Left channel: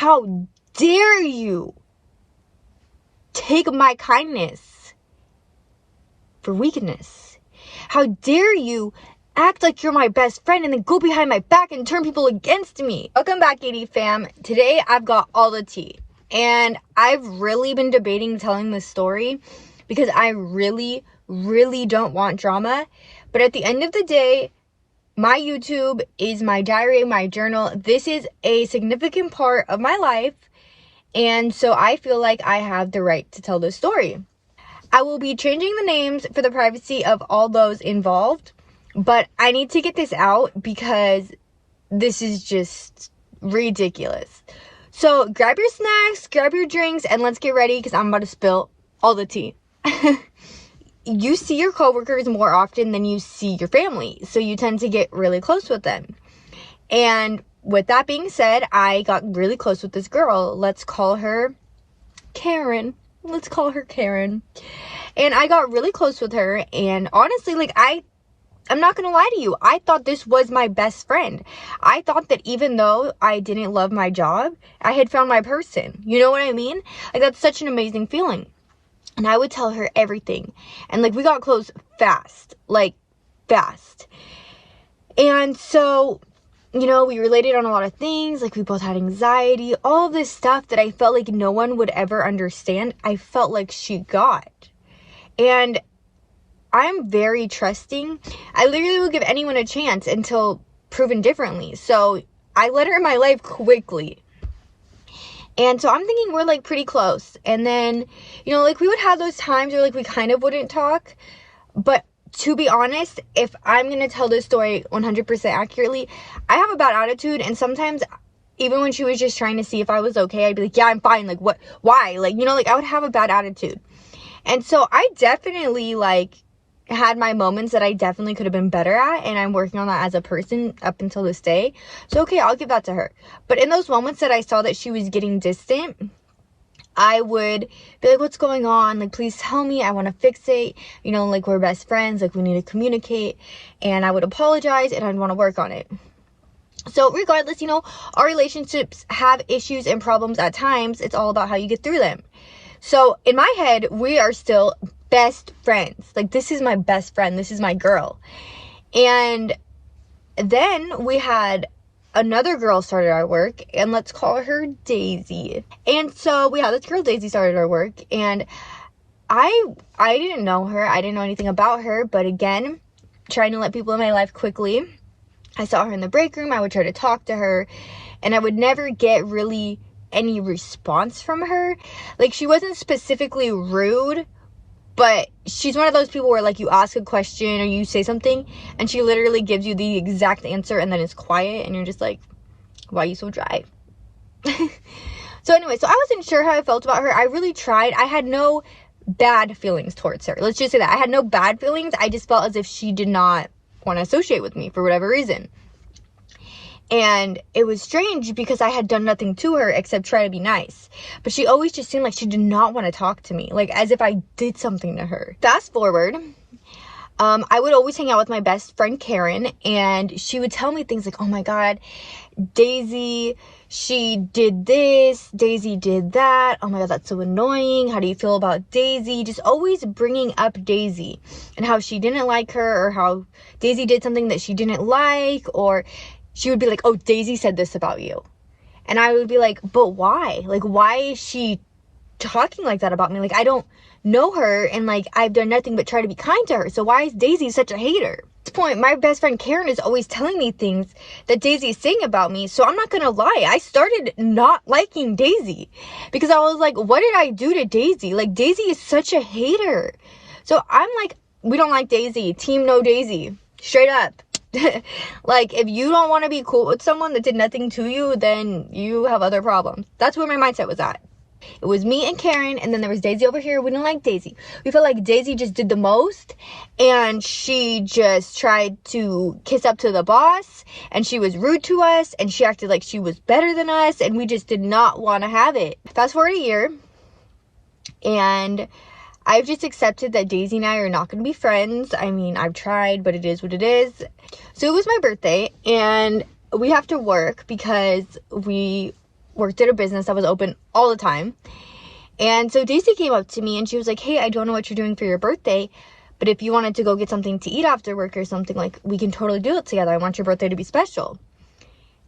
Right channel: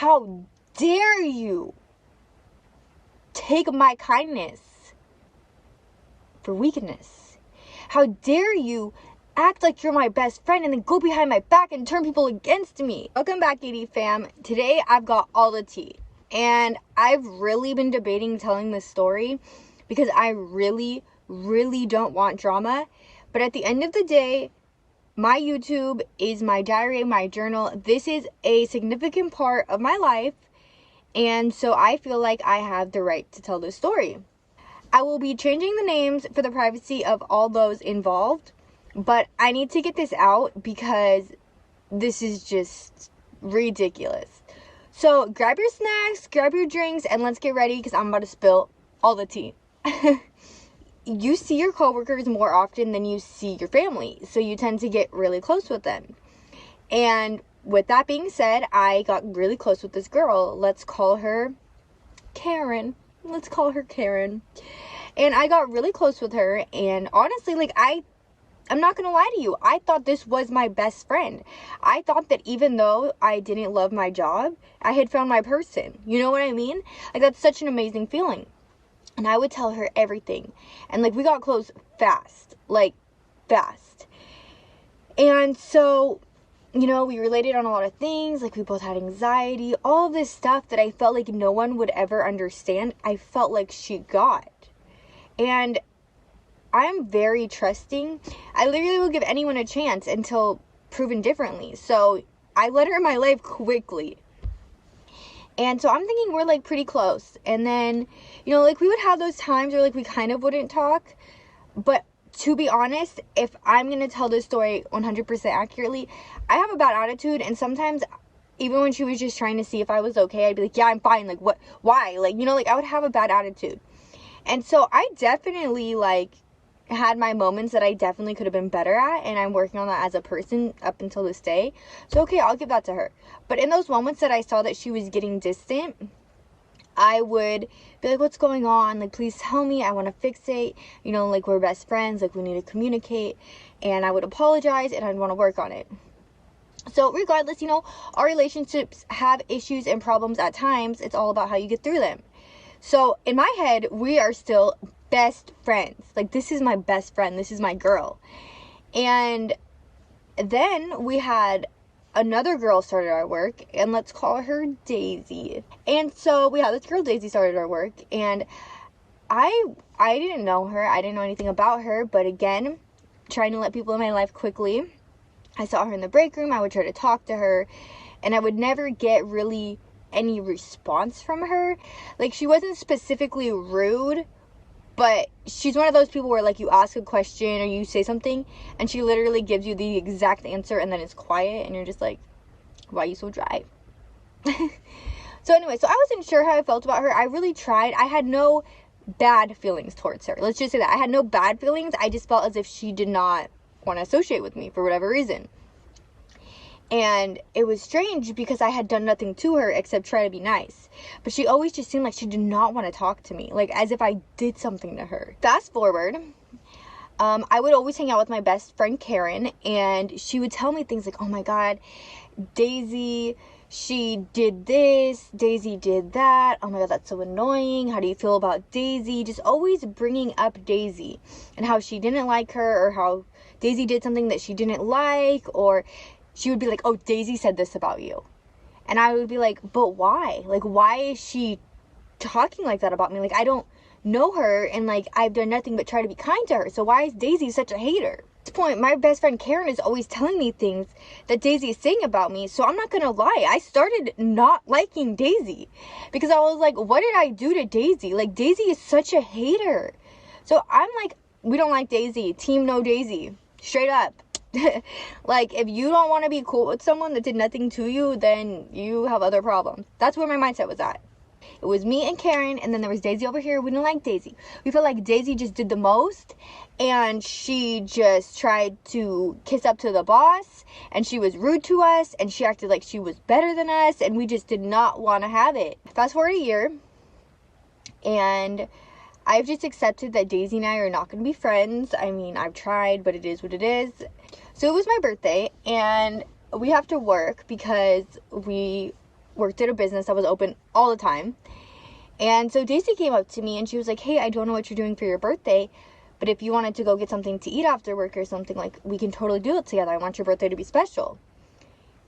How dare you take my kindness for weakness? How dare you act like you're my best friend and then go behind my back and turn people against me? Welcome back, AD fam. Today I've got all the tea. And I've really been debating telling this story because I really don't want drama. But at the end of the day, my YouTube is my diary, my journal. This is a significant part of my life. And so I feel like I have the right to tell this story. I will be changing the names for the privacy of all those involved. But I need to get this out because this is just ridiculous. So grab your snacks, grab your drinks, and let's get ready because I'm about to spill all the tea. You see your coworkers more often than you see your family, so you tend to get really close with them. And with that being said, I got really close with this girl. Let's call her Karen. And I got really close with her, and honestly, like, I'm not gonna lie to you, I thought this was my best friend. I thought that even though I didn't love my job, I had found my person. You know what I mean? Like, that's such an amazing feeling. And I would tell her everything. And, like, we got close fast. Like, fast. And so, you know, we related on a lot of things. Like, we both had anxiety. All this stuff that I felt like no one would ever understand, I felt like she got. And I'm very trusting. I literally will give anyone a chance until proven differently. So I let her in my life quickly. And so I'm thinking we're like pretty close. And then, you know, like we would have those times where like we kind of wouldn't talk. But to be honest, if I'm going to tell this story 100% accurately, I have a bad attitude. And sometimes even when she was just trying to see if I was okay, I'd be like, yeah, I'm fine. Like, what? Why? Like, you know, like I would have a bad attitude. And so I definitely like had my moments that I definitely could have been better at, and I'm working on that as a person up until this day. So okay, I'll give that to her. But in those moments that I saw that she was getting distant, I would be like, what's going on? Like, please tell me, I want to fix it. You know, like, we're best friends, like, we need to communicate. And I would apologize, and I'd want to work on it. So regardless, you know, our relationships have issues and problems at times. It's all about how you get through them. So in my head, we are still best friends. Like, this is my best friend. This is my girl. And then we had another girl started our work, and let's call her Daisy. And so we had this girl Daisy started our work, and I didn't know her. I didn't know anything about her, but again, trying to let people in my life quickly. I saw her in the break room. I would try to talk to her, and I would never get really any response from her. Like, she wasn't specifically rude, but she's one of those people where, like, you ask a question or you say something and she literally gives you the exact answer and then it's quiet and you're just like, why are you so dry? So anyway, so I wasn't sure how I felt about her. I really tried. I had no bad feelings towards her. Let's just say that. I had no bad feelings. I just felt as if she did not want to associate with me for whatever reason. And it was strange because I had done nothing to her except try to be nice. But she always just seemed like she did not want to talk to me. Like, as if I did something to her. Fast forward, I would always hang out with my best friend Karen. And she would tell me things like, oh my God, Daisy, she did this. Daisy did that. Oh my God, that's so annoying. How do you feel about Daisy? Just always bringing up Daisy. And how she didn't like her. Or how Daisy did something that she didn't like. Or she would be like, oh, Daisy said this about you. And I would be like, but why? Like, why is she talking like that about me? Like, I don't know her, and like, I've done nothing but try to be kind to her. So why is Daisy such a hater? At this point, my best friend Karen is always telling me things that Daisy is saying about me. So I'm not gonna lie, I started not liking Daisy because I was like, what did I do to Daisy? Like, Daisy is such a hater. So I'm like, we don't like Daisy. Team no Daisy. Straight up. Like, if you don't want to be cool with someone that did nothing to you, then you have other problems. That's where my mindset was at. It was me and Karen, and then there was Daisy over here. We didn't like Daisy. We felt like Daisy just did the most, and she just tried to kiss up to the boss, and she was rude to us, and she acted like she was better than us, and we just did not want to have it. Fast forward a year, and I've just accepted that Daisy and I are not going to be friends. I mean, I've tried, but it is what it is. So it was my birthday, and we have to work because we worked at a business that was open all the time. And so Daisy came up to me and she was like, hey, I don't know what you're doing for your birthday, but if you wanted to go get something to eat after work or something, like, we can totally do it together. I want your birthday to be special.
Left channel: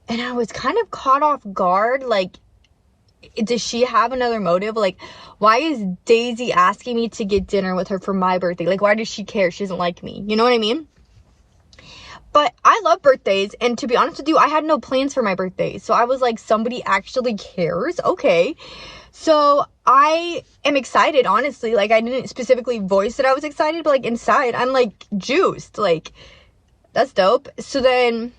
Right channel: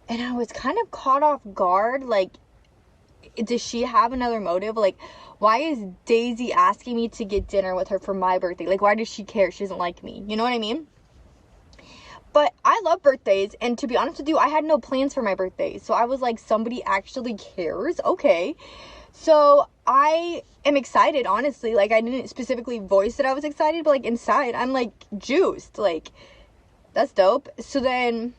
And I was kind of caught off guard. Like, does she have another motive? Like, why is Daisy asking me to get dinner with her for my birthday? Like, why does she care? She doesn't like me. You know what I mean? But I love birthdays, and to be honest with you, I had no plans for my birthday. So I was like, somebody actually cares? Okay. So I am excited, honestly. Like, I didn't specifically voice that I was excited, but like inside, I'm like juiced. Like, that's dope. So then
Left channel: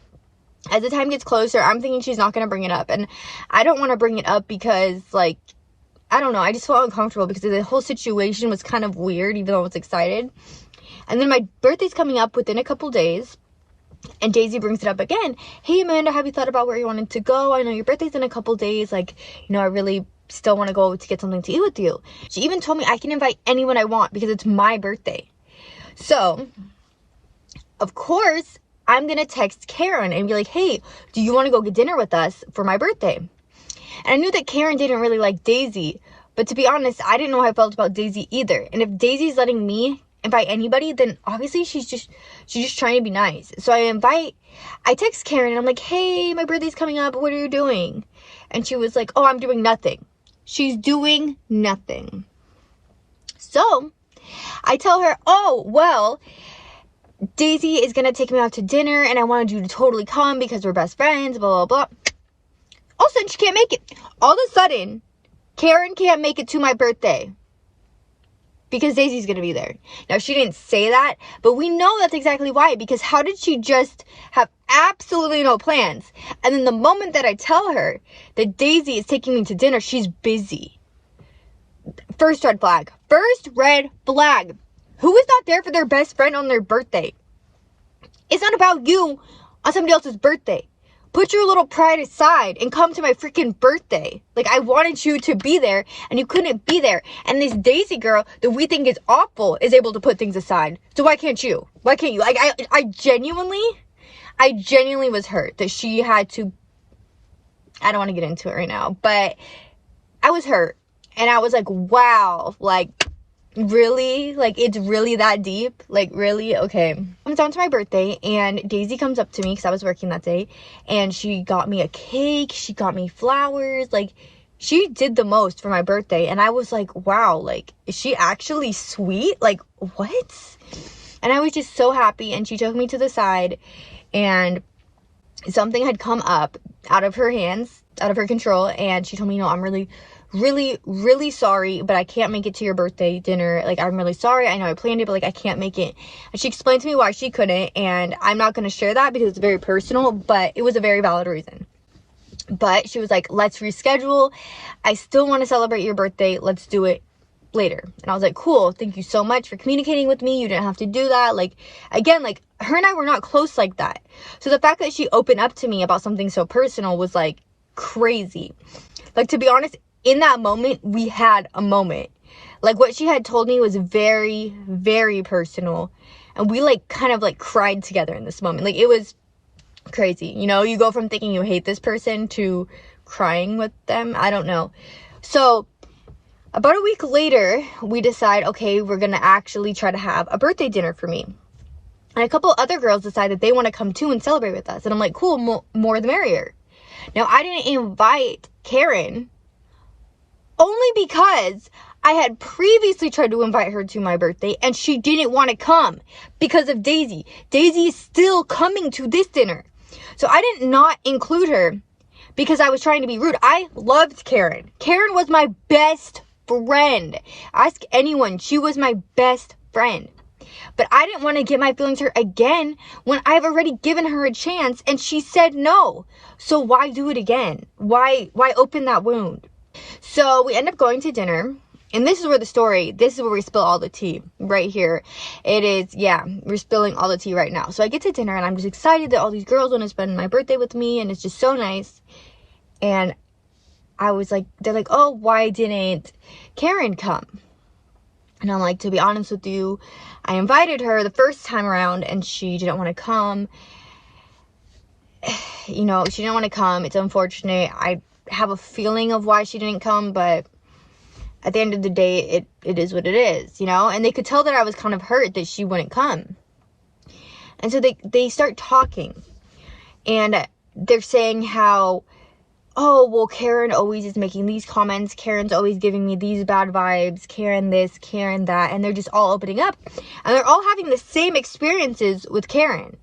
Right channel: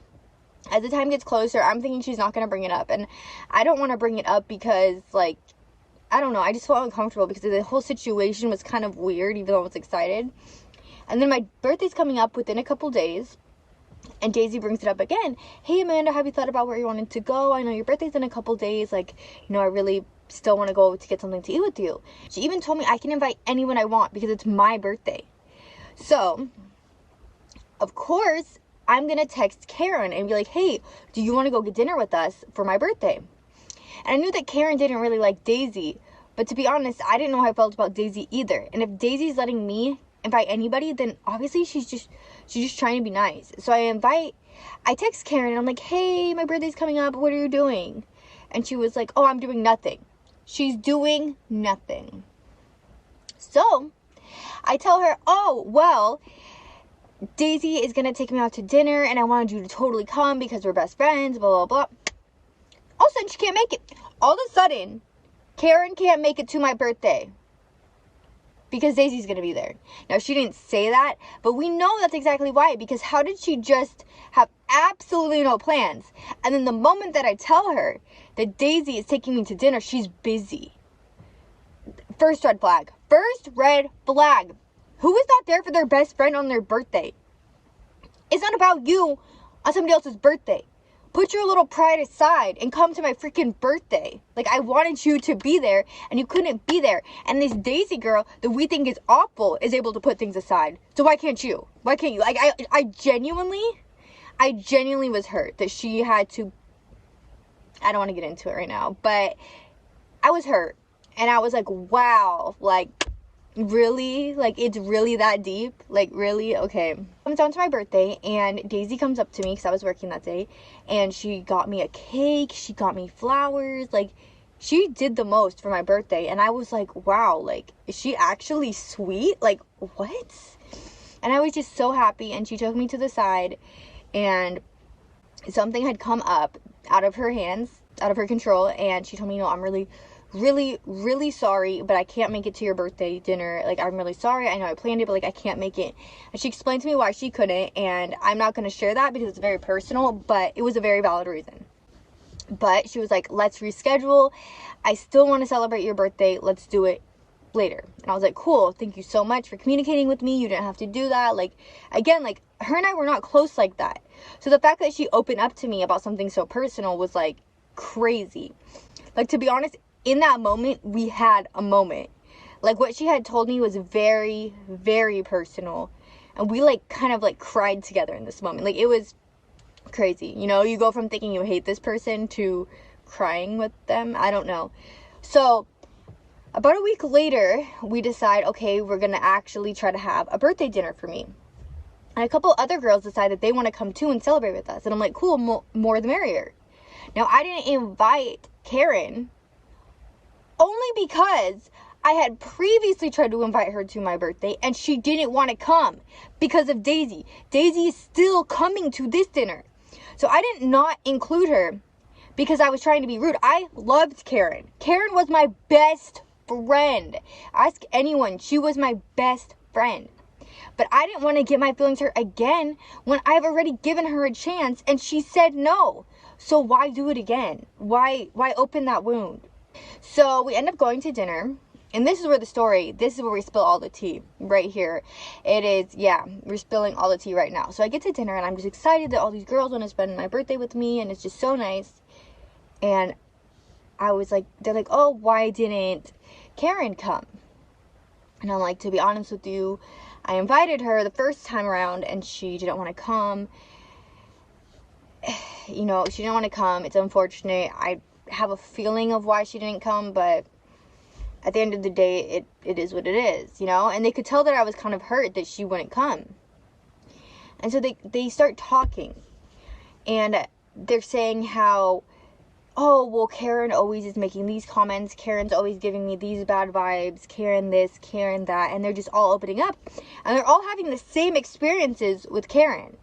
as the time gets closer, I'm thinking she's not going to bring it up. And I don't want to bring it up because, like, I don't know. I just felt uncomfortable because the whole situation was kind of weird, even though I was excited. And then my birthday's coming up within a couple days. And Daisy brings it up again. Hey, Amanda, have you thought about where you wanted to go? I know your birthday's in a couple days. Like, you know, I really still want to go to get something to eat with you. She even told me I can invite anyone I want because it's my birthday. So, of course, I'm going to text Karen and be like, hey, do you want to go get dinner with us for my birthday? And I knew that Karen didn't really like Daisy. But to be honest, I didn't know how I felt about Daisy either. And if Daisy's letting me invite anybody, then obviously she's just trying to be nice. So I text Karen and I'm like, hey, my birthday's coming up, what are you doing? And she was like, oh, I'm doing nothing. She's doing nothing. So I tell her, oh, well, Daisy is gonna take me out to dinner and I wanted you to totally come because we're best friends, blah, blah, blah. All of a sudden she can't make it. All of a sudden, Karen can't make it to my birthday because Daisy's going to be there. Now, she didn't say that, but we know that's exactly why. Because how did she just have absolutely no plans? And then the moment that I tell her that Daisy is taking me to dinner, she's busy. First red flag. First red flag. Who is not there for their best friend on their birthday? It's not about you on somebody else's birthday. Put your little pride aside and come to my freaking birthday. Like, I wanted you to be there and you couldn't be there. And this Daisy girl that we think is awful is able to put things aside. So why can't you? Why can't you? Like, I genuinely was hurt that she had to, I don't want to get into it right now, but I was hurt. And I was like, wow, like, really? Like, it's really that deep? Like, really? Okay. It's on to my birthday, and Daisy comes up to me because I was working that day, and she got me a cake, she got me flowers, like, she did the most for my birthday, and I was like, wow, like, is she actually sweet? Like, what? And I was just so happy, and she took me to the side, and something had come up out of her hands, out of her control, and she told me, you know, I'm really sorry, but I can't make it to your birthday dinner. Like, I'm really sorry. I know I planned it, but like, I can't make it. And she explained to me why she couldn't, and I'm not going to share that because it's very personal, but it was a very valid reason. But she was like, let's reschedule. I still want to celebrate your birthday. Let's do it later. And I was like, cool. Thank you so much for communicating with me. You didn't have to do that. Like, again, like, her and I were not close like that. So the fact that she opened up to me about something so personal was like crazy. Like, to be honest, in that moment, we had a moment. Like, what she had told me was very, very personal. And we, like, kind of, like, cried together in this moment. Like, it was crazy. You know, you go from thinking you hate this person to crying with them. I don't know. So, about a week later, we decide, okay, we're going to actually try to have a birthday dinner for me. And a couple other girls decide that they want to come, too, and celebrate with us. And I'm like, cool, more the merrier. Now, I didn't invite Karen only because I had previously tried to invite her to my birthday and she didn't want to come because of Daisy. Daisy is still coming to this dinner. So I did not include her because I was trying to be rude. I loved Karen. Karen was my best friend. Ask anyone. She was my best friend. But I didn't want to get my feelings hurt again when I've already given her a chance and she said no. So why do it again? Why open that wound? So we end up going to dinner, and this is where we spill all the tea, right here. It is, yeah, we're spilling all the tea right now. So I get to dinner, and I'm just excited that all these girls want to spend my birthday with me, and it's just so nice. And I was like, they're like, oh, why didn't Karen come? And I'm like, to be honest with you, I invited her the first time around, and she didn't want to come. You know, she didn't want to come. It's unfortunate. I have a feeling of why she didn't come, but at the end of the day, it is what it is, you know? And they could tell that I was kind of hurt that she wouldn't come. And so they start talking. And they're saying how, oh, well, Karen always is making these comments. Karen's always giving me these bad vibes. Karen this, Karen that. And they're just all opening up. And they're all having the same experiences with Karen.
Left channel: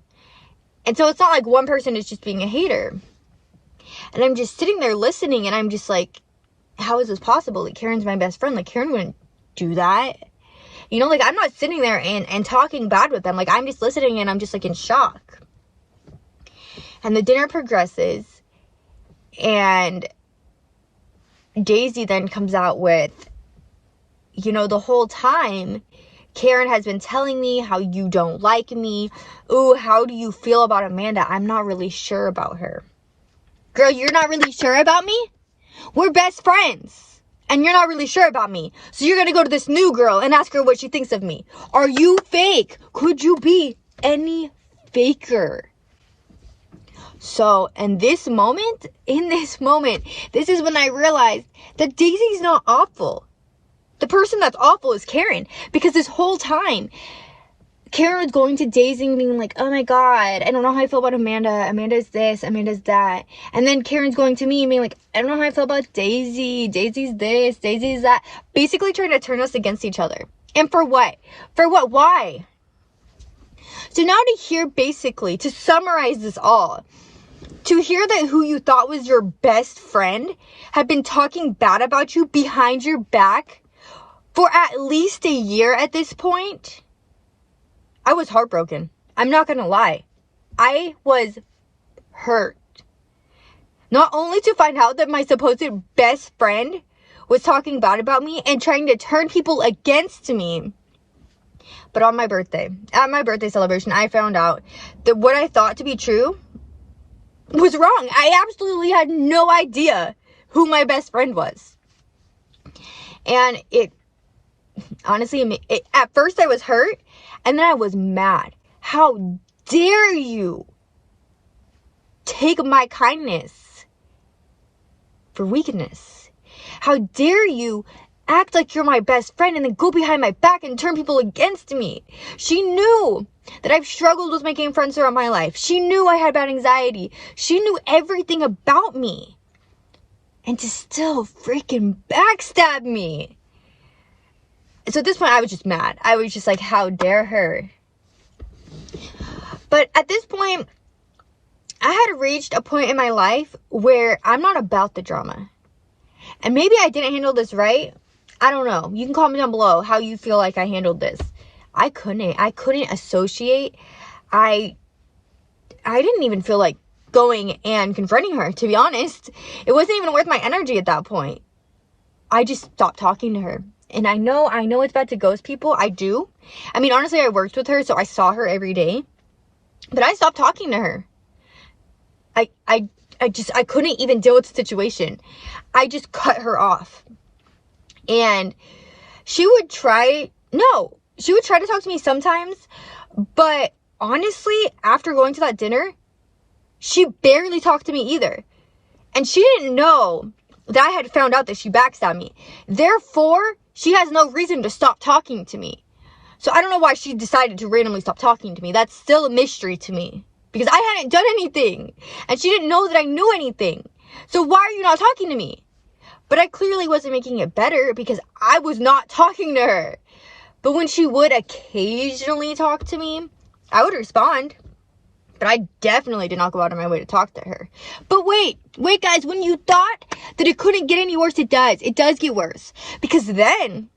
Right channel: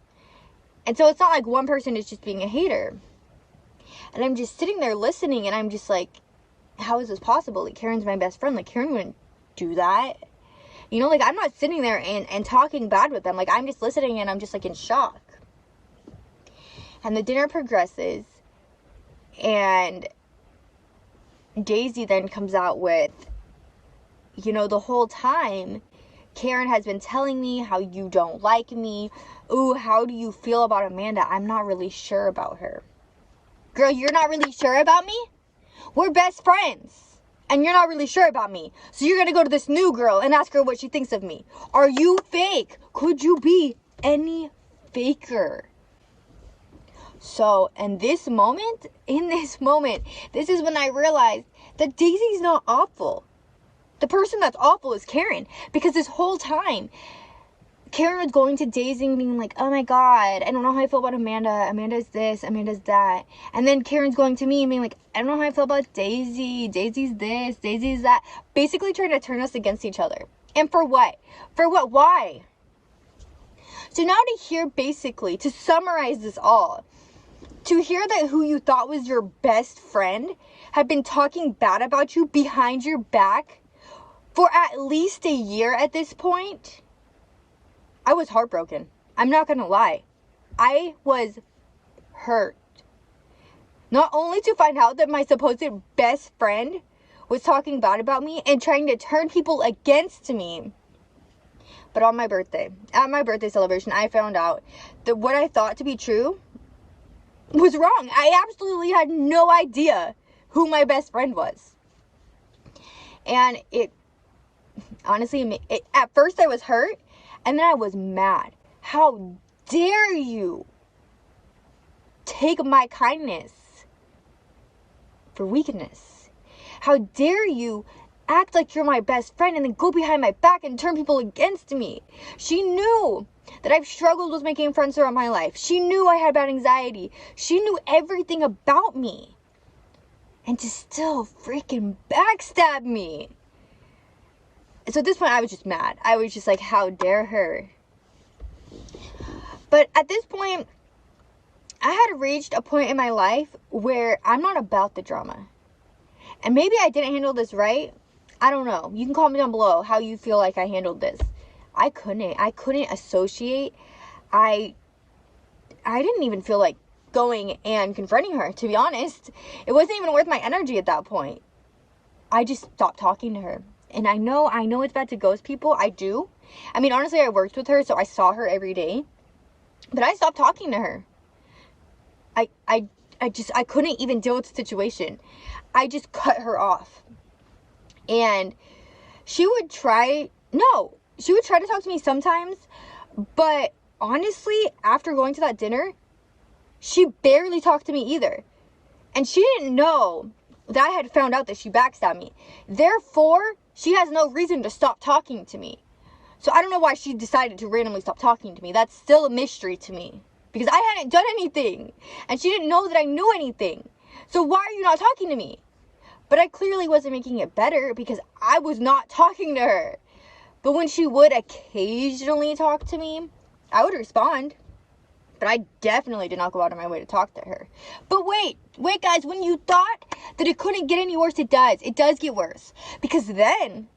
And so it's not like one person is just being a hater. And I'm just sitting there listening, and I'm just like, how is this possible? Like, Karen's my best friend. Like, Karen wouldn't do that. You know, like, I'm not sitting there and talking bad with them. Like, I'm just listening, and I'm just, like, in shock. And the dinner progresses, and Daisy then comes out with, you know, the whole time, Karen has been telling me how you don't like me. Ooh, how do you feel about Amanda? I'm not really sure about her. Girl, you're not really sure about me? We're best friends. And you're not really sure about me. So you're going to go to this new girl and ask her what she thinks of me. Are you fake? Could you be any faker? So, in this moment, this is when I realized that Daisy's not awful. The person that's awful is Karen. Because this whole time, Karen was going to Daisy and being like, oh my God, I don't know how I feel about Amanda. Amanda's this, Amanda's that. And then Karen's going to me and being like, I don't know how I feel about Daisy. Daisy's this, Daisy's that. Basically trying to turn us against each other. And for what? For what? Why? So now to hear, basically, to summarize this all, to hear that who you thought was your best friend had been talking bad about you behind your back for at least a year at this point, I was heartbroken. I'm not gonna lie. I was hurt. Not only to find out that my supposed best friend was talking bad about me and trying to turn people against me, but on my birthday, at my birthday celebration, I found out that what I thought to be true was wrong. I absolutely had no idea who my best friend was. And it, honestly, at first I was hurt, and then I was mad. How dare you take my kindness for weakness? How dare you act like you're my best friend and then go behind my back and turn people against me? She knew that I've struggled with making friends throughout my life. She knew I had bad anxiety. She knew everything about me. And to still freaking backstab me. So at this point, I was just mad. I was just like, how dare her? But at this point, I had reached a point in my life where I'm not about the drama. And maybe I didn't handle this right. I don't know. You can comment down below how you feel like I handled this. I couldn't associate. I didn't even feel like going and confronting her, to be honest. It wasn't even worth my energy at that point. I just stopped talking to her. And I know it's bad to ghost people. I do. I mean, honestly, I worked with her, so I saw her every day. But I stopped talking to her. I couldn't even deal with the situation. I just cut her off. And she would try to talk to me sometimes, but honestly, after going to that dinner, she barely talked to me either. And she didn't know that I had found out that she backstabbed me. Therefore, she has no reason to stop talking to me. So I don't know why she decided to randomly stop talking to me. That's still a mystery to me. Because I hadn't done anything. And she didn't know that I knew anything. So why are you not talking to me? But I clearly wasn't making it better because I was not talking to her. But when she would occasionally talk to me, I would respond. But I definitely did not go out of my way to talk to her. But wait guys, when you thought that it couldn't get any worse, it does. It does get worse. Because then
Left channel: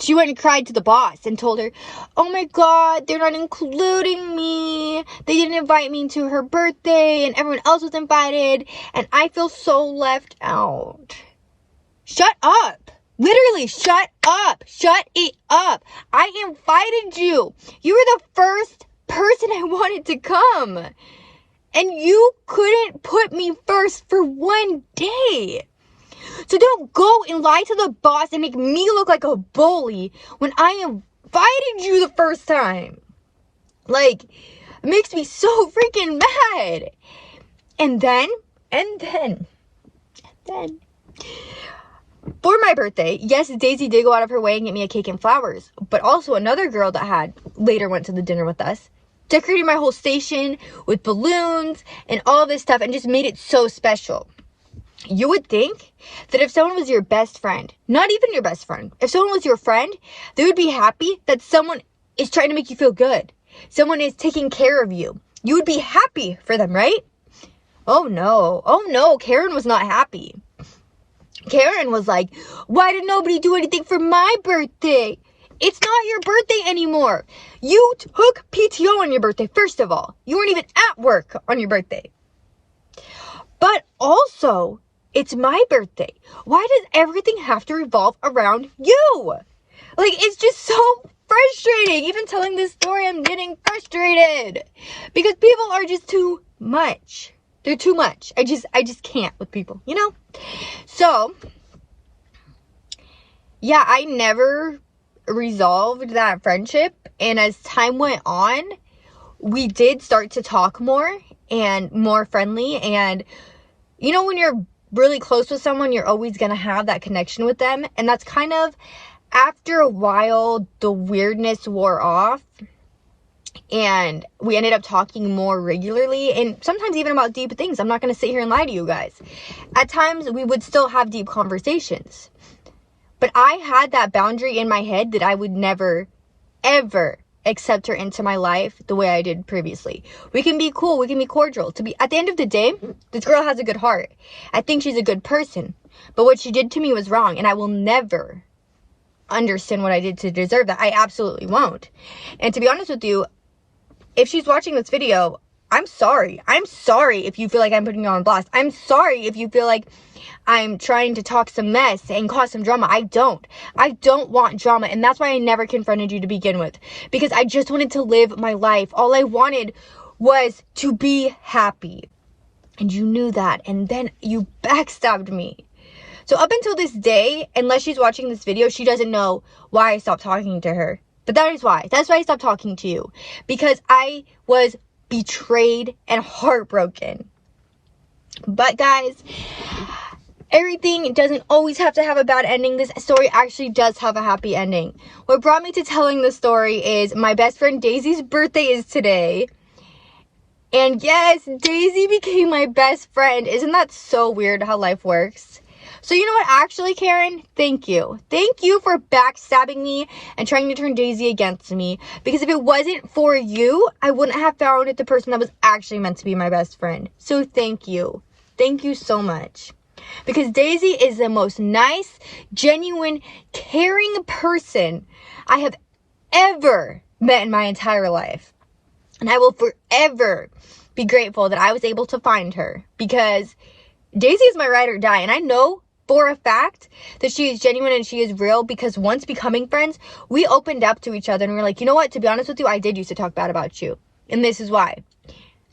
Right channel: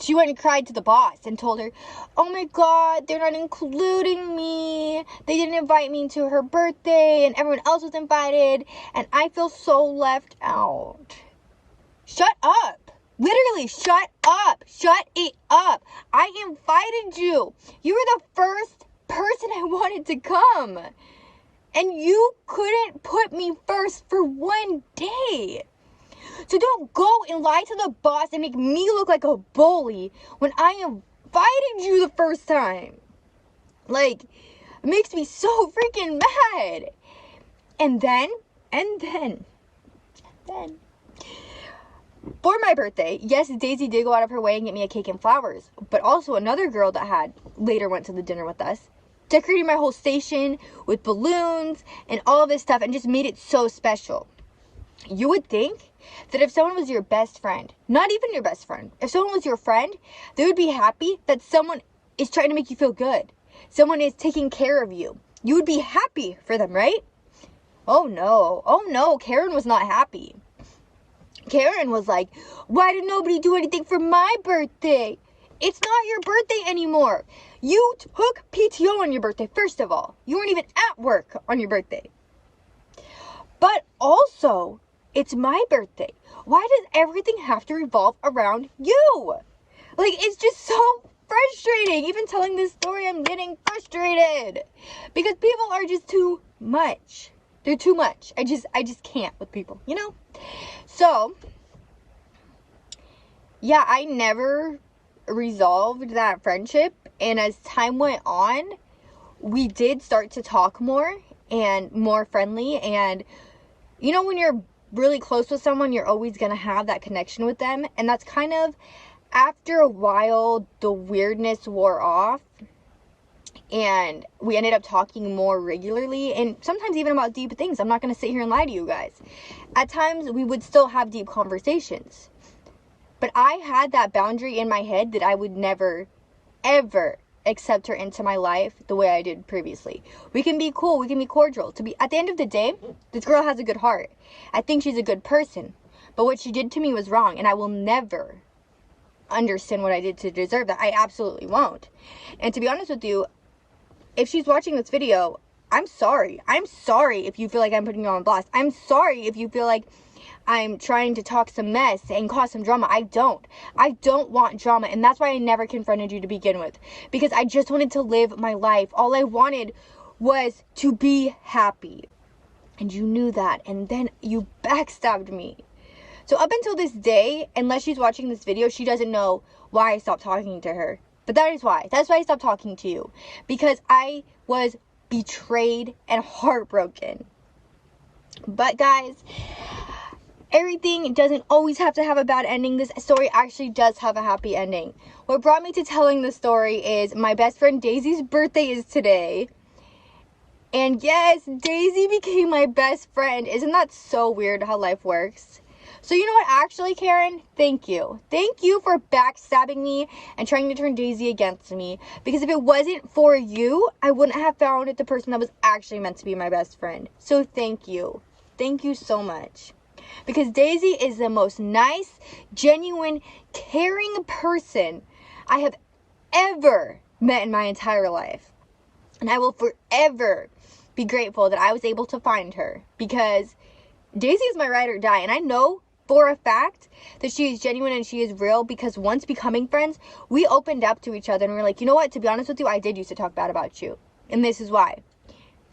she went and cried to the boss and told her, oh my God, they're not including me. They didn't invite me to her birthday and everyone else was invited. And I feel so left out. Shut up. Literally, shut up. Shut it up. I invited you. You were the first person I wanted to come. And you couldn't put me first for one day. So don't go and lie to the boss and make me look like a bully when I invited you the first time. Like, it makes me so freaking mad. And then, 10. For my birthday, yes, Daisy did go out of her way and get me a cake and flowers. But also another girl that had later went to the dinner with us decorated my whole station with balloons and all this stuff and just made it so special. You would think that if someone was your best friend, not even your best friend, if someone was your friend, they would be happy that someone is trying to make you feel good. Someone is taking care of you. You would be happy for them, right? Oh no, Karen was not happy. Karen was like, why did nobody do anything for my birthday? It's not your birthday anymore. You took PTO on your birthday, first of all. You weren't even at work on your birthday. But also, it's my birthday. Why does everything have to revolve around you? Like, it's just so frustrating. Even telling this story, I'm getting frustrated. Because people are just too much. They're too much. I just can't with people, you know? So, yeah, I never resolved that friendship. And as time went on, we did start to talk more and more friendly. And, you know, when you're really close with someone, you're always going to have that connection with them. And that's kind of, after a while, the weirdness wore off. And we ended up talking more regularly and sometimes even about deep things. I'm not going to sit here and lie to you guys. At times, we would still have deep conversations. But I had that boundary in my head that I would never, ever accept her into my life the way I did previously. We can be cool. We can be cordial. At the end of the day, this girl has a good heart. I think she's a good person. But what she did to me was wrong. And I will never understand what I did to deserve that. I absolutely won't. And to be honest with you, if she's watching this video, I'm sorry. I'm sorry if you feel like I'm putting you on blast. I'm sorry if you feel like I'm trying to talk some mess and cause some drama. I don't want drama. And that's why I never confronted you to begin with. Because I just wanted to live my life. All I wanted was to be happy. And you knew that. And then you backstabbed me. So up until this day, unless she's watching this video, she doesn't know why I stopped talking to her. But that is why. That's why I stopped talking to you. Because I was betrayed and heartbroken. But guys, everything doesn't always have to have a bad ending. This story actually does have a happy ending. What brought me to telling the story is my best friend Daisy's birthday is today. And yes, Daisy became my best friend. Isn't that so weird how life works? So you know what, actually, Karen, thank you. Thank you for backstabbing me and trying to turn Daisy against me. Because if it wasn't for you, I wouldn't have found the person that was actually meant to be my best friend. So thank you. Thank you so much. Because Daisy is the most nice, genuine, caring person I have ever met in my entire life. And I will forever be grateful that I was able to find her. Because Daisy is my ride or die. And I know for a fact that she is genuine and she is real, because once becoming friends, we opened up to each other and we were like, you know what, to be honest with you, I did used to talk bad about you, and this is why.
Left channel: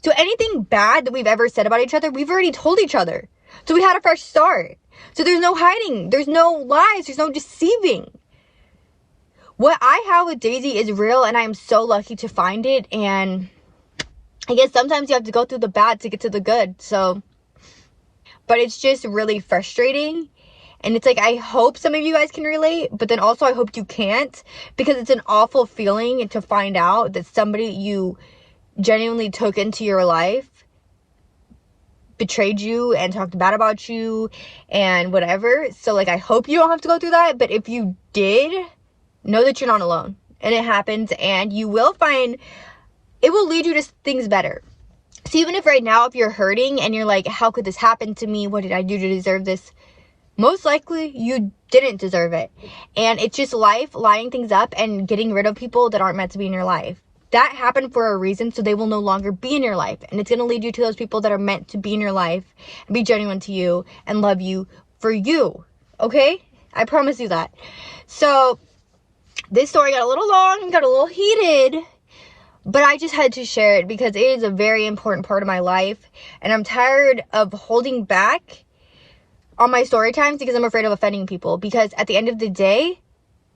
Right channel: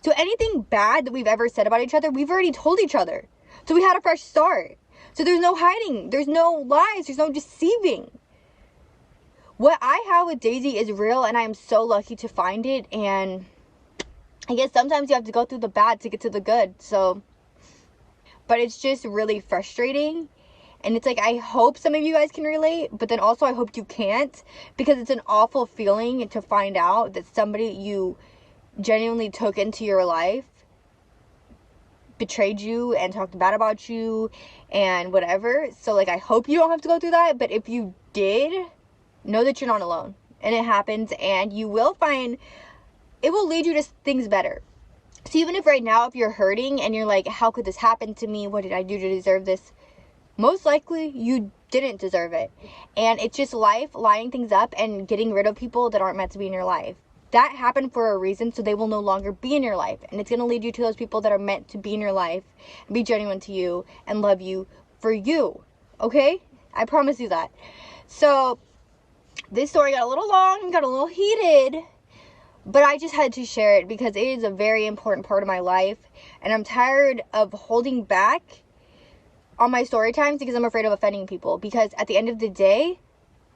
So anything bad that we've ever said about each other, we've already told each other. So we had a fresh start. So there's no hiding, there's no lies, there's no deceiving. What I have with Daisy is real, and I'm so lucky to find it. And I guess sometimes you have to go through the bad to get to the good. So, but it's just really frustrating. And it's like, I hope some of you guys can relate, but then also I hope you can't, because it's an awful feeling to find out that somebody you genuinely took into your life betrayed you and talked bad about you and whatever. So like, I hope you don't have to go through that. But if you did, know that you're not alone, and it happens, and you will find, it will lead you to things better. So even if right now, if you're hurting and you're like, how could this happen to me? What did I do to deserve this? Most likely you didn't deserve it. And it's just life lining things up and getting rid of people that aren't meant to be in your life. That happened for a reason, so they will no longer be in your life. And it's going to lead you to those people that are meant to be in your life and be genuine to you and love you for you. Okay? I promise you that. So this story got a little long, got a little heated, but I just had to share it because it is a very important part of my life. And I'm tired of holding back on my story times because I'm afraid of offending people. Because at the end of the day,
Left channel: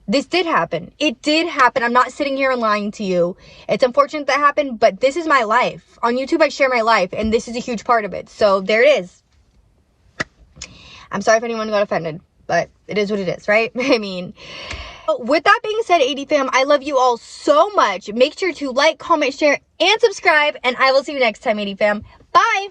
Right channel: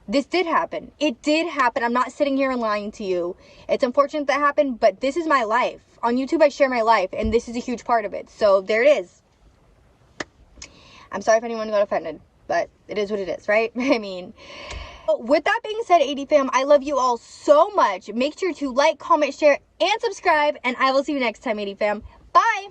this did happen. It did happen. I'm not sitting here and lying to you. It's unfortunate that happened, but this is my life. On YouTube, I share my life, and this is a huge part of it. So there it is. I'm sorry if anyone got offended, but it is what it is, right? I mean, with that being said, AD fam, I love you all so much. Make sure to like, comment, share, and subscribe, and I will see you next time, AD fam. Bye!